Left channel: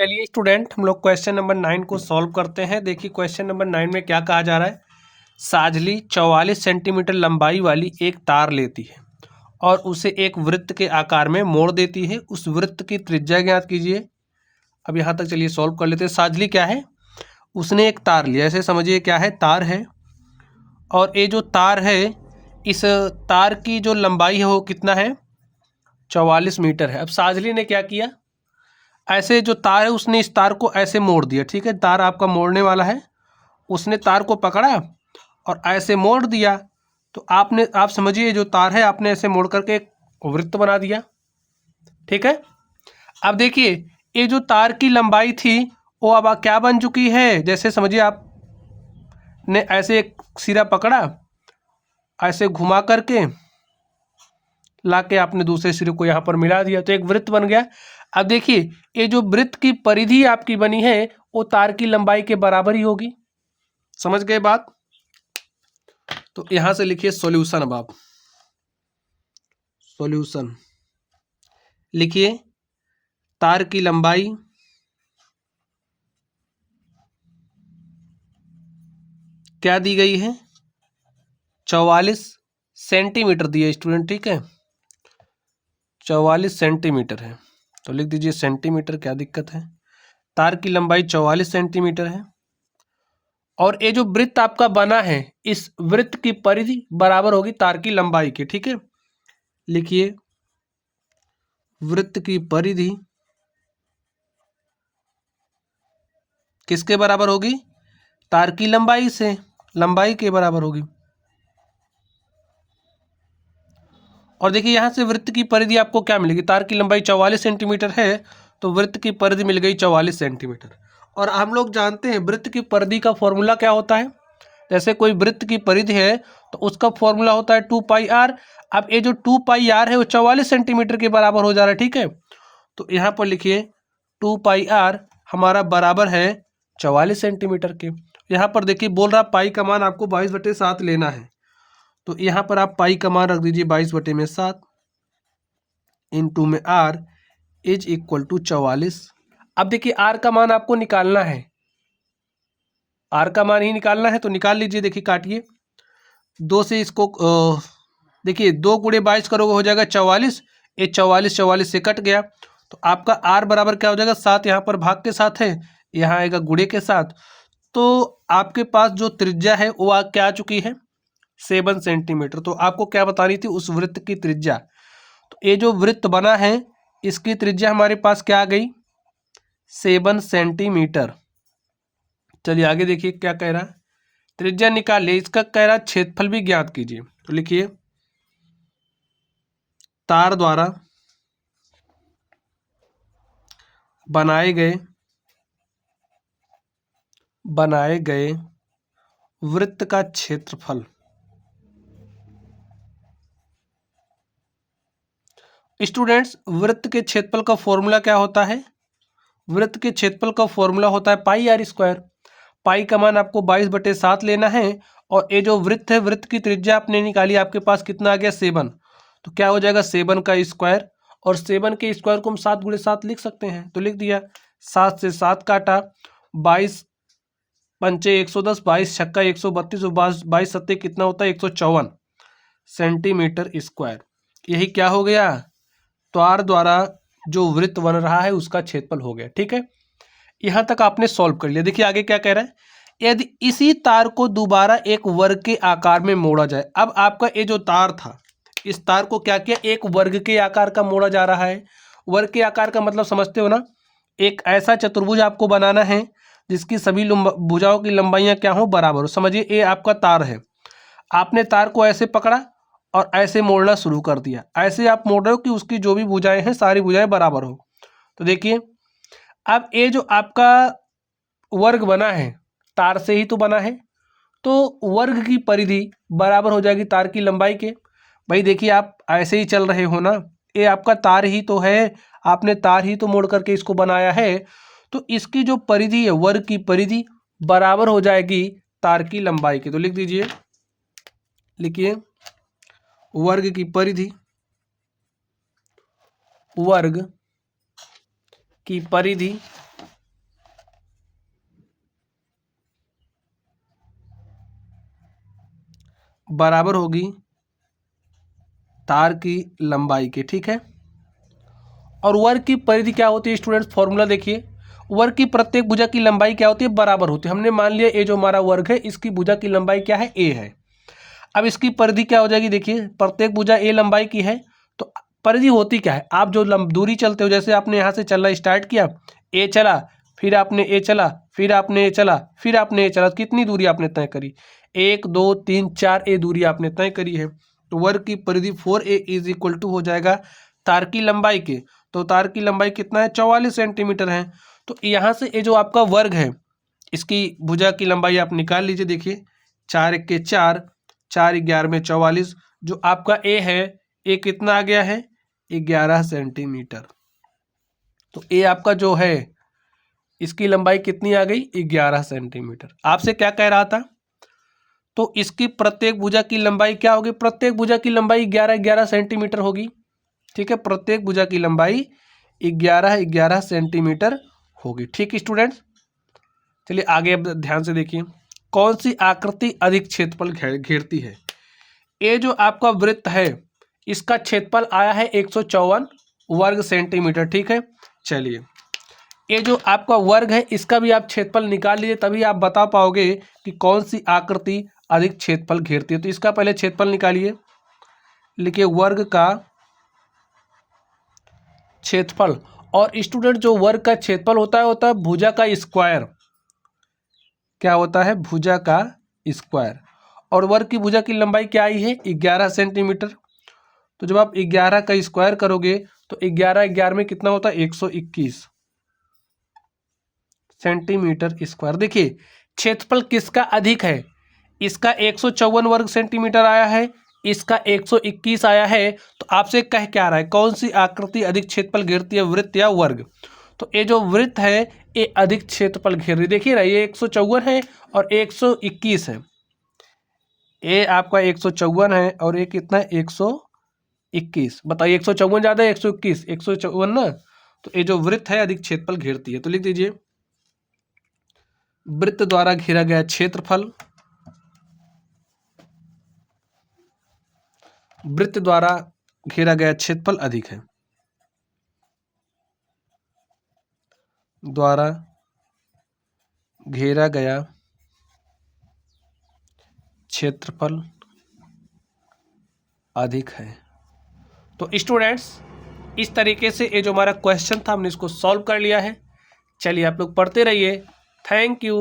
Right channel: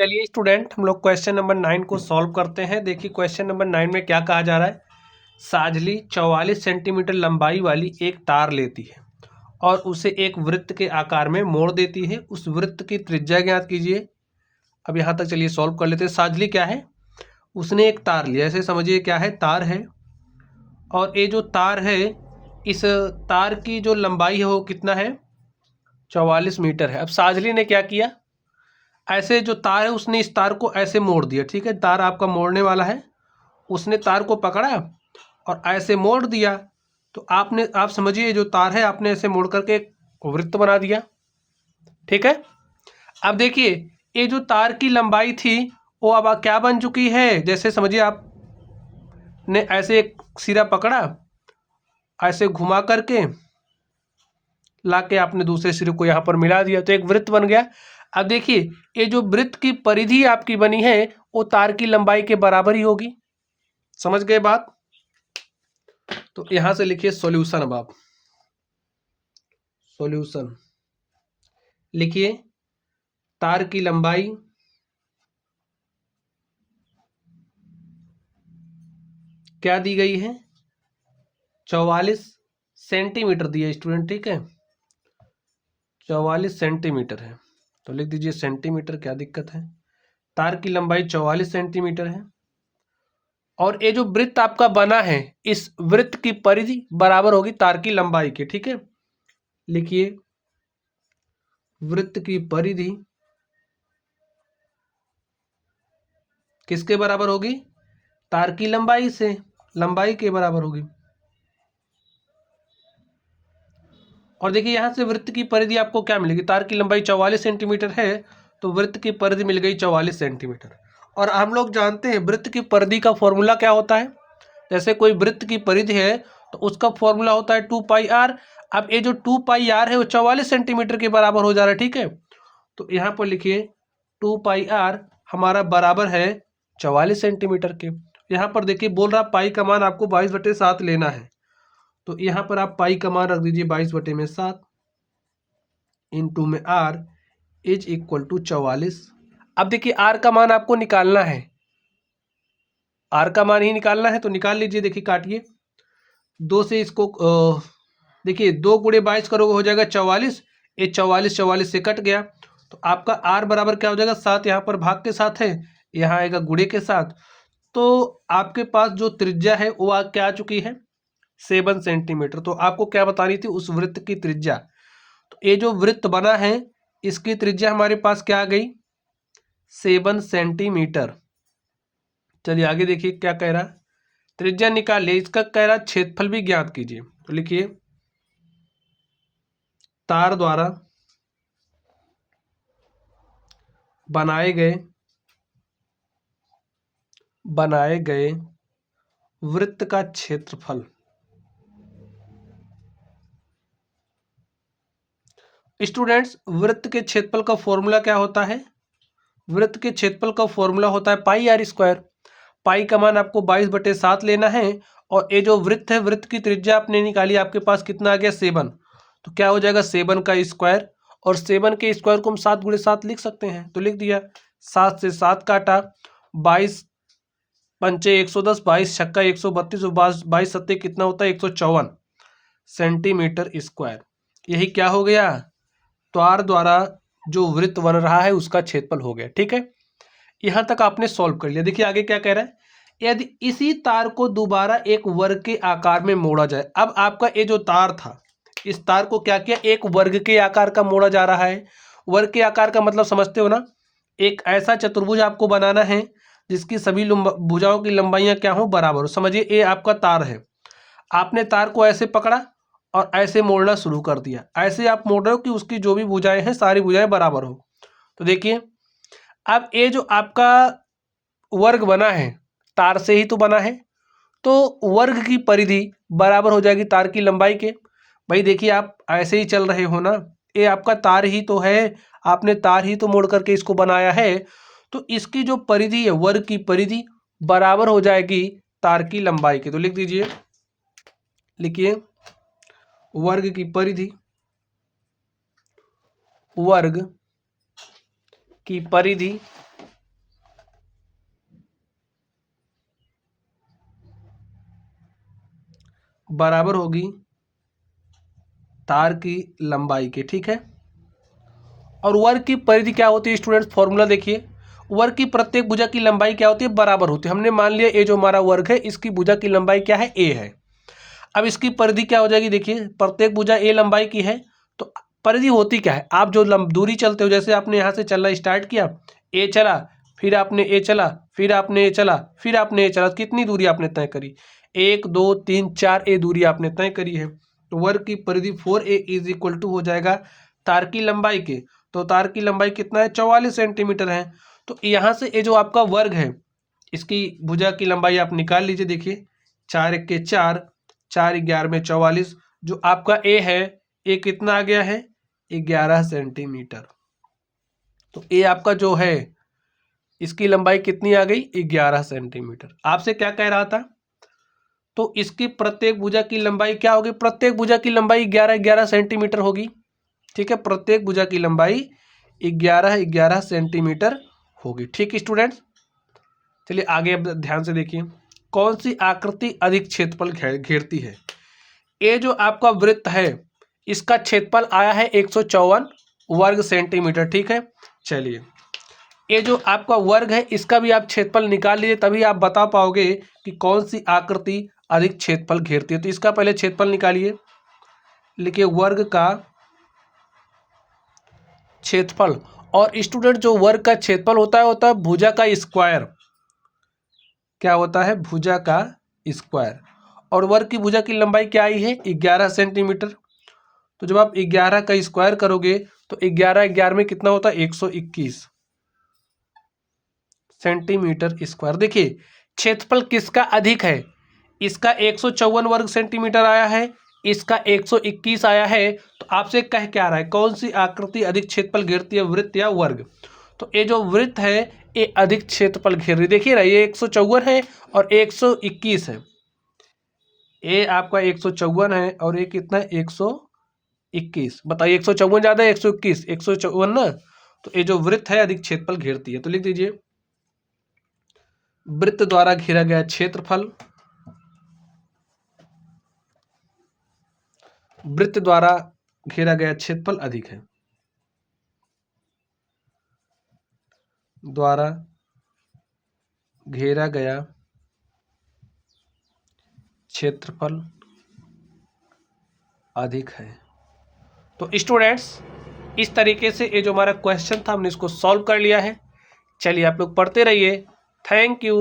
चलिए स्टूडेंट, हम लोग क्वेश्चन नंबर 9 को सॉल्व करते हैं। देखिए क्वेश्चन नंबर 9 में क्या कहा जा रहा है। साजली 44 सेंटीमीटर लंबाई वाली एक तार लेती है और उसे एक वृत्त के आकार में मोड़ देती है। उस वृत्त की त्रिज्या ज्ञात कीजिए। अब यहाँ तक चलिए सॉल्व कर लेते हैं। साजली क्या है, उसने एक तार लिया, ऐसे समझिए क्या है, तार है। और ये जो तार है, इस तार की जो लंबाई है वो कितना है, 44 मीटर है। अब साजली ने क्या किया, ऐसे जो तार है उसने इस तार को ऐसे मोड़ दिया। ठीक है, तार आपका मोड़ने वाला है, उसने तार को पकड़ा और ऐसे मोड़ दिया। तो आप समझिए जो तार है आपने ऐसे मोड़ करके एक वृत्त बना दिया। ठीक है, अब देखिए ये जो तार की लंबाई थी वो अब क्या बन चुकी है। जैसे समझिए आपने ऐसे एक सिरा पकड़ा, ऐसे घुमा करके लाके आपने दूसरे सिरे को यहाँ पर मिला दिया तो एक वृत्त बन गया। अब देखिए ये जो वृत्त की परिधि आपकी बनी है वो तार की लंबाई के बराबर ही होगी। समझ गए बात। तो यहां से लिखिए सॉल्यूशन। अब आप सॉल्यूशन लिखिए, तार की लंबाई क्या दी गई है, 44 सेंटीमीटर दी है स्टूडेंट। ठीक है, 44 सेंटीमीटर है तो लिख दीजिए सेंटीमीटर, क्या दिक्कत है। तार की लंबाई 44 सेंटीमीटर है और ये जो वृत्त आपका बना है इस वृत्त की परिधि बराबर होगी तार की लंबाई के। ठीक है, लिखिए वृत्त की परिधि किसके बराबर होगी, तार की लंबाई से, लंबाई के बराबर होगी। और देखिए यहां से वृत्त की परिधि आपको क्या मिलेगी, तार की लंबाई 44 सेंटीमीटर है तो वृत्त की परिधि मिल गई 44 सेंटीमीटर। और हम लोग जानते हैं वृत्त की परिधि का फॉर्मूला क्या होता है। जैसे कोई वृत्त की परिधि है तो उसका फॉर्मूला होता है 2πr। अब ये जो 2πr है वो 44 सेंटीमीटर के बराबर हो जा रहा है। ठीक है, तो यहाँ पर लिखिए 2πr हमारा बराबर है 44 सेंटीमीटर के। यहाँ पर देखिए बोल रहा पाई का मान आपको 22/7 लेना है, तो यहाँ पर आप पाई का मान रख दीजिए 22/7 इंटू में r इज इक्वल टू 44। अब देखिए r का मान आपको निकालना है, r का मान ही निकालना है तो निकाल लीजिए। देखिए काटिए, 2 से इसको देखिए 2 गुणे 22 करोगे हो जाएगा 44। ये 44 से कट गया तो आपका r बराबर क्या हो जाएगा, 7। यहाँ पर भाग के साथ है, यहाँ आएगा गुणे के साथ। तो आपके पास जो त्रिज्या है वो क्या आ चुकी है, 7 सेंटीमीटर। तो आपको क्या बतानी थी, उस वृत्त की त्रिज्या। तो ये जो वृत्त बना है इसकी त्रिज्या हमारे पास क्या आ गई, 7 सेंटीमीटर। चलिए आगे देखिए क्या कह रहा है, त्रिज्या निकालिए। इसका कह रहा है क्षेत्रफल भी ज्ञात कीजिए। तो लिखिए तार द्वारा बनाए गए वृत्त का क्षेत्रफल। स्टूडेंट्स वृत्त के क्षेत्रफल का फॉर्मूला क्या होता है, वृत्त के क्षेत्रफल का फॉर्मूला होता है πr²। पाई का मान आपको 22/7 लेना है और ये जो वृत्त है वृत्त की त्रिज्या आपने निकाली, आपके पास कितना आ गया 7। तो क्या हो जाएगा 7 का स्क्वायर, और 7 के स्क्वायर को हम 7 × 7 लिख सकते हैं। तो लिख दिया, 7 से 7 काटा, 22 पंचे 110, 22 छक्का 132 और 22 सत्ते कितना होता है 154 सेंटीमीटर स्क्वायर। यही क्या हो गया, तार द्वारा जो वृत्त बन रहा है उसका क्षेत्रफल हो गया। ठीक है, यहां तक आपने सॉल्व कर लिया। देखिए आगे क्या कह रहा है, यदि इसी तार को दोबारा एक वर्ग के आकार में मोड़ा जाए। अब आपका ये जो तार था इस तार को क्या किया, एक वर्ग के आकार का मोड़ा जा रहा है। वर्ग के आकार का मतलब समझते हो ना, एक ऐसा चतुर्भुज आपको बनाना है जिसकी सभी भुजाओं की लंबाइयां क्या हो, बराबर हो। समझिए ये आपका तार है, आपने तार को ऐसे पकड़ा और ऐसे मोड़ना शुरू कर दिया। ऐसे आप मोड़ रहे हो कि उसकी जो भी भुजाएं हैं सारी भुजाएं बराबर हो। तो देखिए अब ये जो आपका वर्ग बना है तार से ही तो बना है, तो वर्ग की परिधि बराबर हो जाएगी तार की लंबाई के। भाई देखिए आप ऐसे ही चल रहे हो ना, ये आपका तार ही तो है, आपने तार ही तो मोड़ करके इसको बनाया है। तो इसकी जो परिधि है वर्ग की परिधि बराबर हो जाएगी तार की लंबाई के। तो लिख दीजिए, लिखिए वर्ग की परिधि, वर्ग की परिधि बराबर होगी तार की लंबाई के, ठीक है। और वर्ग की परिधि क्या होती है स्टूडेंट्स, फॉर्मूला देखिए, वर्ग की प्रत्येक भुजा की लंबाई क्या होती है, बराबर होती है। हमने मान लिया ये जो हमारा वर्ग है इसकी भुजा की लंबाई क्या है, ए है। अब इसकी परिधि क्या हो जाएगी, देखिए प्रत्येक भुजा ए लंबाई की है, तो परिधि होती क्या है, आप जो दूरी चलते हो, जैसे आपने यहाँ से चलना स्टार्ट किया, ए चला, फिर आपने ए चला, फिर आपने ए चला, फिर आपने ए चला, कितनी दूरी आपने तय करी, 1 2 3 4 ए दूरी आपने तय करी है। तो वर्ग की परिधि 4a इज इक्वल टू हो जाएगा तार की लंबाई के। तो तार की लंबाई कितना है, 44 सेंटीमीटर है। तो यहाँ से ये जो आपका वर्ग है इसकी भुजा की लंबाई आप निकाल लीजिए। देखिए 4 1 के 4, 4 11 में 44, जो आपका ए है, ए कितना आ गया है, 11 सेंटीमीटर। तो ए आपका जो है इसकी लंबाई कितनी आ गई, 11 सेंटीमीटर। आपसे क्या कह रहा था, तो इसकी प्रत्येक भुजा की लंबाई क्या होगी, प्रत्येक भुजा की लंबाई 11 11 सेंटीमीटर होगी, ठीक है। प्रत्येक भुजा की लंबाई 11 11 सेंटीमीटर होगी, ठीक स्टूडेंट्स। चलिए आगे अब ध्यान से देखिए, कौन सी आकृति अधिक क्षेत्रफल घेरती है। ये जो आपका वृत्त है इसका क्षेत्रफल आया है 154 वर्ग सेंटीमीटर, ठीक है। चलिए ये जो आपका वर्ग है इसका भी आप क्षेत्रफल निकाल लीजिए, तभी आप बता पाओगे कि कौन सी आकृति अधिक क्षेत्रफल घेरती है। तो इसका पहले क्षेत्रफल निकालिए, लिखिए वर्ग का क्षेत्रफल। और स्टूडेंट जो वर्ग का क्षेत्रफल होता है भुजा का स्क्वायर, क्या होता है, भुजा का स्क्वायर। और वर्ग की भुजा की लंबाई क्या आई है, 11 सेंटीमीटर। तो जब आप 11 का स्क्वायर करोगे तो 11 11 में कितना होता है, 121 सेंटीमीटर स्क्वायर। देखिए क्षेत्रफल किसका अधिक है, इसका 154 वर्ग सेंटीमीटर आया है, इसका 121 आया है। तो आपसे कह क्या रहा है, कौन सी आकृति अधिक क्षेत्रफल घेरती है, वृत्त या वर्ग। तो ये जो वृत्त है ये अधिक क्षेत्रफल घेर रही है। देखिए ना ये 154 है और 121 है, ये आपका 154 है और ये कितना है, 121। बताइए 154 ज़्यादा है 121, 154 ना। तो ये जो वृत्त है अधिक क्षेत्रफल घेरती है। तो लिख दीजिए वृत्त द्वारा घेरा गया क्षेत्रफल, वृत्त द्वारा घेरा गया क्षेत्रफल अधिक है, द्वारा घेरा गया क्षेत्रफल अधिक है। तो स्टूडेंट्स इस तरीके से ये जो हमारा क्वेश्चन था हमने इसको सॉल्व कर लिया है। चलिए आप लोग पढ़ते रहिए। Thank you.